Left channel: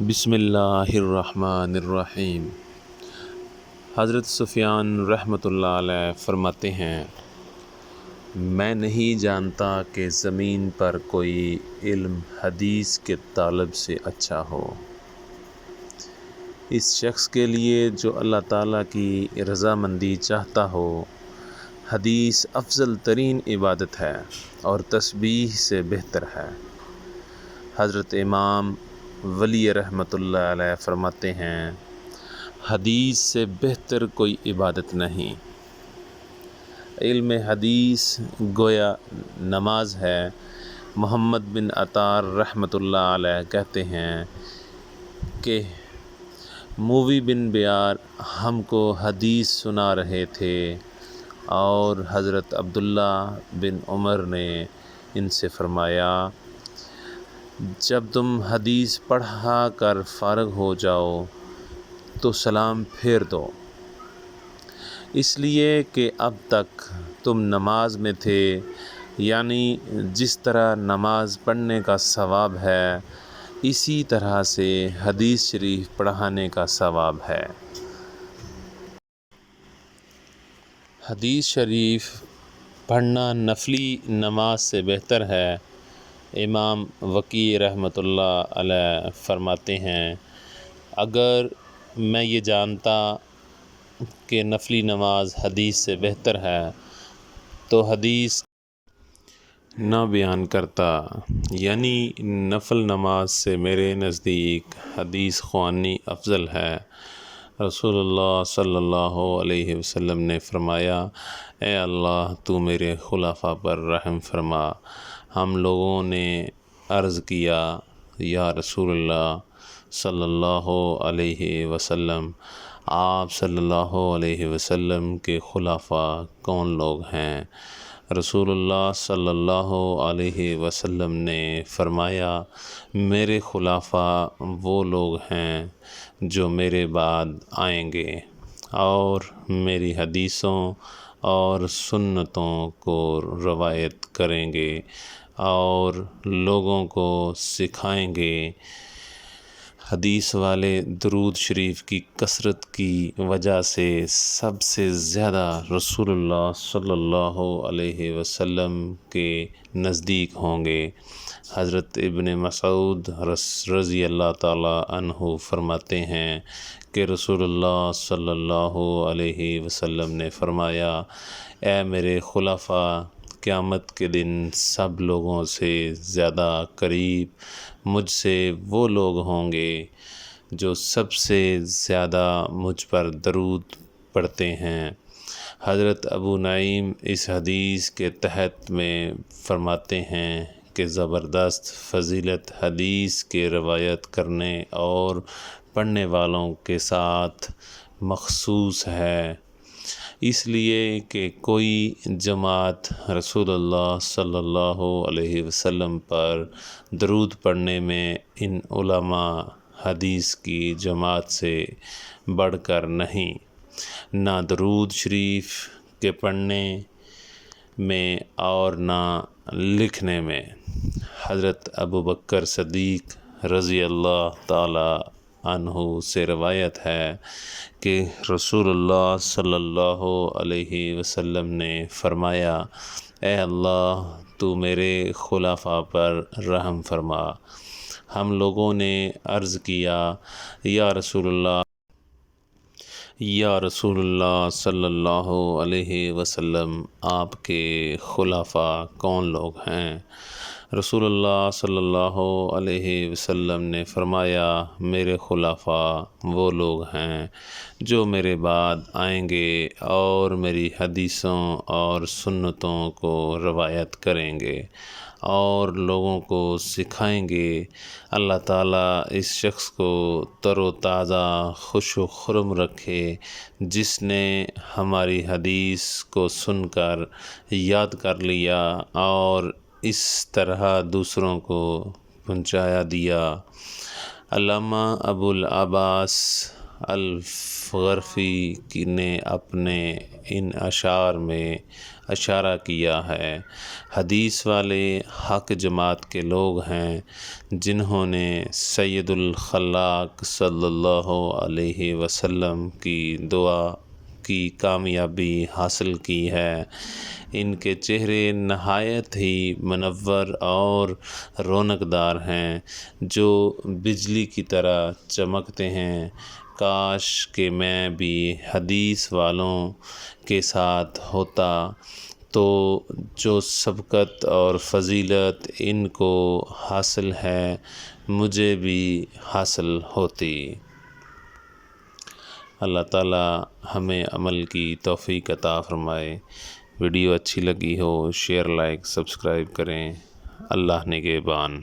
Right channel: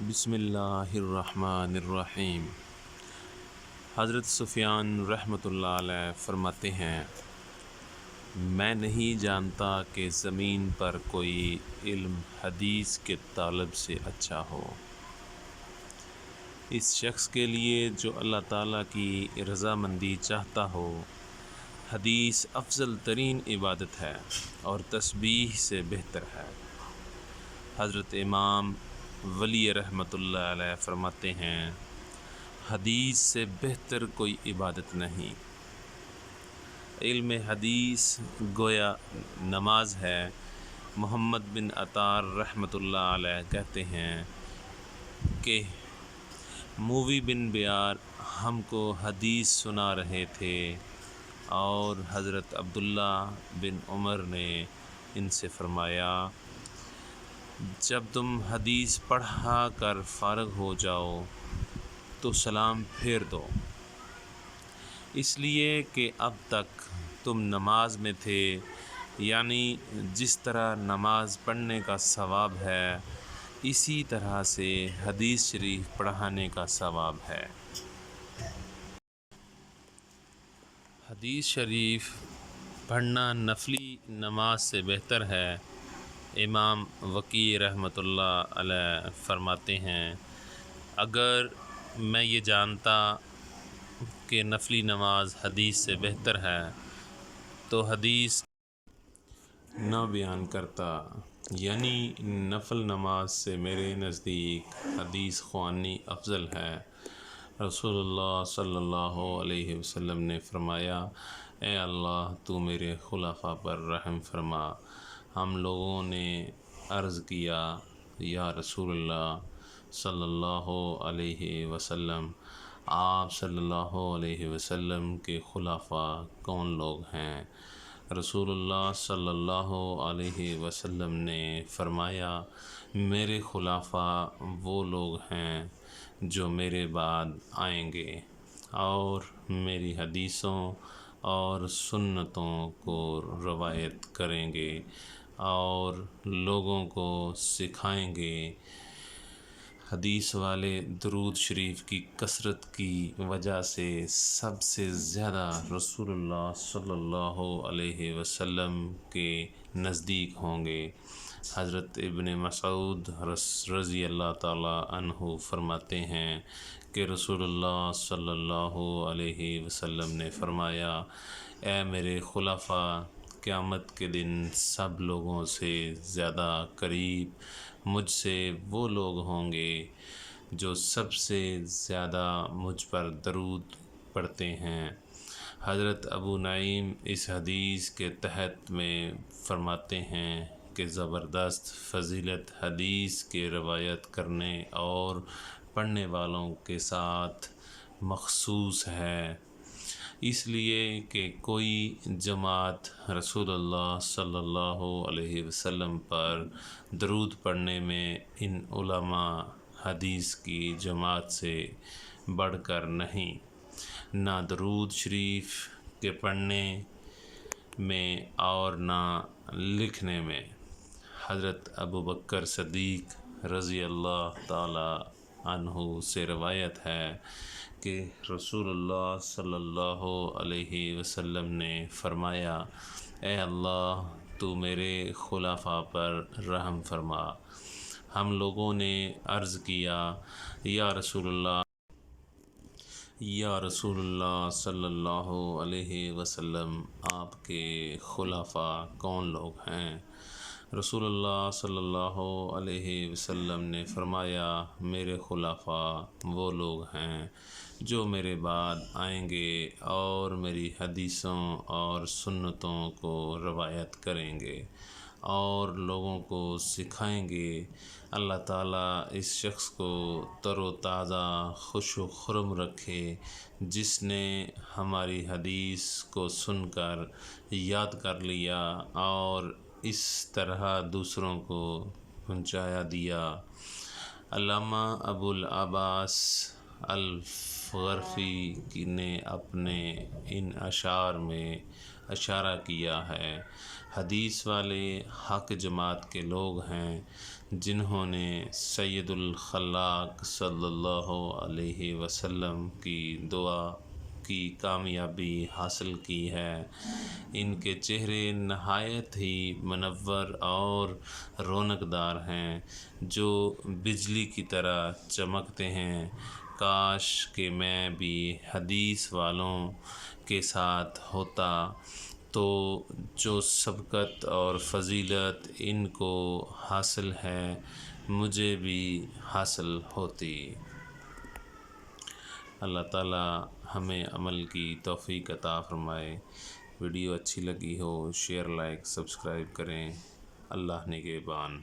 بسم اللہ الرحمن الرحیم۔ حضرت سفیان رحمۃ اللہ علیہ فرماتے ہیں، میں نہیں جانتا کہ زمین پر کوئی علم حدیث کے طالب سے اچھا ہو، اس شخص کے لیے جو اللہ تعالیٰ کی رضامندی چاہتا ہو۔ حدیث افضل ترین عبادت ہے اور تسبیح سے بہتر ہے۔ حضرت امام ولی رحمۃ اللہ علیہ فرماتے ہیں، حدیث سے بہتر کوئی عبادت نہیں۔ علم حدیث گویا نماز ہے۔ محمد بن عطار رحمۃ اللہ علیہ کہتے ہیں کہ مووی بن بیار ہم کو حدیث سنا رہے تھے اور حضرت عبداللہ بن عمر نے ان سے فرمایا، جب تم حدیث پڑھا کر فارغ ہو جاؤ تو سلام پھیر دو، اس لیے کہ اب تک تم نماز میں تھے، یعنی جس طرح نماز پڑھنے کا ثواب ہے اسی طرح سے حدیث شریف پڑھانے کا ثواب ہے۔ حدیث شریف پڑھنا نفلی نماز سے بہتر ہے۔ امام وقی رحمۃ اللہ علیہ فرماتے ہیں، اگر میں یہ جانتا کہ نفلی نماز حدیث سے بہتر ہے تو حدیث نہ بیان کرتا، یعنی نفل نماز سے میرے نزدیک حدیث خوانی افضل ہے۔ رسول اللہ صلی اللہ علیہ وسلم نے فرمایا، اے اللہ تو میرے خلفاء پر رحم فرما۔ ہم لوگوں نے عرض کیا، یا رسول اللہ صلی اللہ علیہ وسلم، آپ صلی اللہ علیہ وسلم کے خلفاء کون لوگ ہیں؟ رسول اللہ صلی اللہ علیہ وسلم نے فرمایا، میرے خلفاء وہ لوگ ہیں جو میرے بعد آئیں گے اور میری حدیثوں اور سنتوں کو روایت کریں گے اور لوگوں کو سکھائیں گے۔ حدیث والے درود شریف کی کثرت کی وجہ سے سب سے زیادہ رسول اللہ صلی اللہ علیہ وسلم کے نزدیک ہوں گے۔ حضرت ابن مسعود رضی اللہ تعالیٰ عنہ فرماتے ہیں کہ رسول اللہ صلی اللہ علیہ وسلم نے فرمایا، اے میرے خلفاء، قیامت کے دن سب لوگوں سے زیادہ قریب مجھ سے وہ لوگ ہوں گے جو سب سے زیادہ مجھ پر درود پڑھتے ہیں۔ حضرت ابو نعیم اس حدیث کے تحت میں فرماتے ہیں کہ زبردست فضیلت حدیث کے روایت کرنے اور پڑھنے والوں کے ساتھ مخصوص ہے، اس لیے کہ کوئی جماعت رسول اللہ صلی اللہ علیہ وسلم پر درود پڑھنے میں ان علماء حدیث کی جماعت سے بڑھ کر نہیں، نہ درود شریف کے پڑھنے میں اور نہ لکھنے میں۔ حضرت ابوبکر صدیق رضی اللہ تعالی عنہ سے روایت ہے کہ رسول اللہ صلی اللہ علیہ وسلم نے فرمایا، اے اللہ تو میرے خلفاء پر رحم فرما۔ ہم لوگوں نے عرض کیا، یا رسول اللہ صلی اللہ علیہ وسلم، آپ کے خلفاء کون لوگ ہیں؟ رسول اللہ صلی اللہ علیہ وسلم نے فرمایا، میرے خلفاء وہ لوگ ہیں جو میرے بعد آئیں گے اور میری حدیثوں اور سنتوں کو روایت کریں گے اور لوگوں کو سکھائیں گے۔ اللہ تعالیٰ اس شخص کو تر و تازہ خوش و خرم رکھے جس نے ہماری حدیث کو سن کر یاد کر لیا اور اس طرح دوسروں کو پہنچایا دیا۔ علامہ ابو العباس الغرفی نے اپنے ان اشعار میں اشارہ کیا ہے۔ حدیث والے حق جماعت کے لوگ ہیں جنہوں نے سید الخلاق صلی اللہ علیہ وسلم کی دعا کی کامیابی حاصل کی ہے۔ ان کے چہرے نہایت ہی منور اور رونق دار ہیں، جو بجلی کی طرح چمکتے ہیں۔ کاش کہ میں بھی حدیث والوں کے ساتھ ہوتا تو جو سبقت اور فضیلت ان کو حاصل ہے مجھے بھی حاصل ہوتی۔ اللہ تعالیٰ ہمیں عمل کی توفیق عطا فرمائے۔ ویڈیو اچھی لگی ہو شیئر، لائک، سبسکرائب کریں۔ اللہ نگہبان۔